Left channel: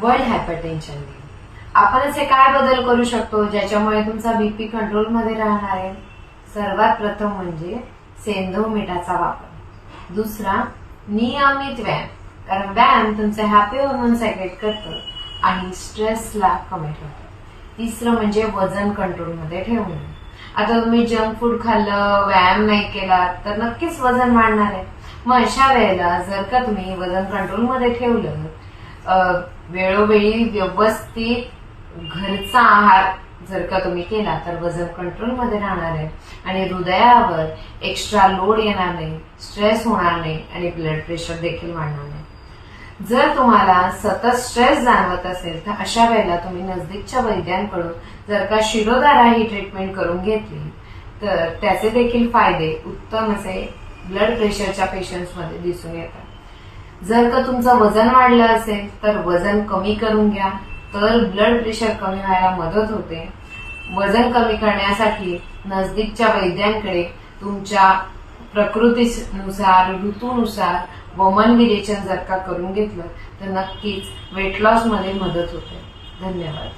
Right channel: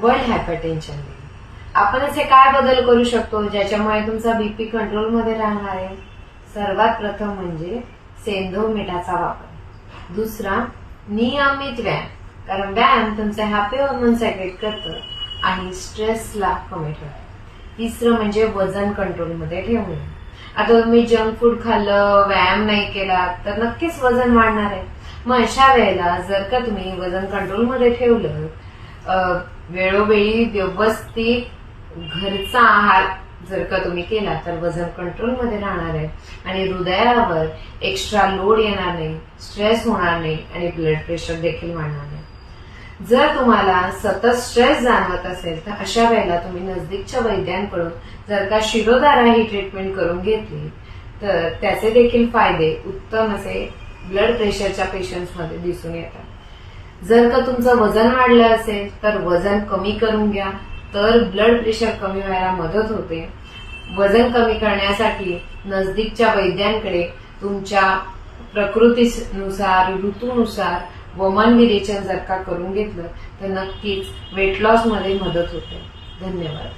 World hypertension day. आपण असे काय बदल करू शकतो ज्याच्यामुळे तुमचा बीपी कंट्रोलमध्ये राहणार आहे? सर्वात प्रथम म्हणजे सेंधव मिठाचा वापर। दुसरा, नियमित व्यायाम, कारण व्यायाम तुमचे हॅपी हार्मोन सेक्रेट करतं आणि स्ट्रेसला कमी ठेवतं। तिसरं म्हणजे वजन कंट्रोलमध्ये ठेवणे। आता तुम्ही जंक फूड खाल्लं, व्यायाम नाही केला तर नक्कीच वजन वाढणार आहे। मग अशा वेळेला जर का तुम्ही वजन कंट्रोलमध्ये ठेवलं, वेळोवेळी व्यवस्थित घरचा आहार जर का तुम्ही केला तर वजन कंट्रोलमध्ये राहणार आहे आणि हृदयावर एक्स्ट्रा लोड येणार नाही, स्ट्रेस होणार नाही आणि ब्लड प्रेशर देखील वाढणार नाही। जर तुम्हाला सतत स्ट्रेस जाणवत असेल तर अशा वेळेला तुम्ही नजदीकच्या वैद्यांकडून जर का शिरोधारा ही ट्रीटमेंट करून घेतली तर त्याचे देखील फायदे उत्तम असे ब्लड प्रेशरच्या पेशंट्समध्ये दिसून येतात। जर का तुमचं वजन वाढलं असेल तर वजन कमी करून घ्या, तर ब्लड प्रेशर कमी व्हायला मदत होते। वजन कमी करण्यासाठी नजदीकच्या वैद्यांकडे तुमच्या प्रकृतीनुसार, ऋतूनुसार वमन विरेचन जर का करून घेतलं तर नक्कीच वेट लॉस मध्ये मदत होते। धन्यवाद।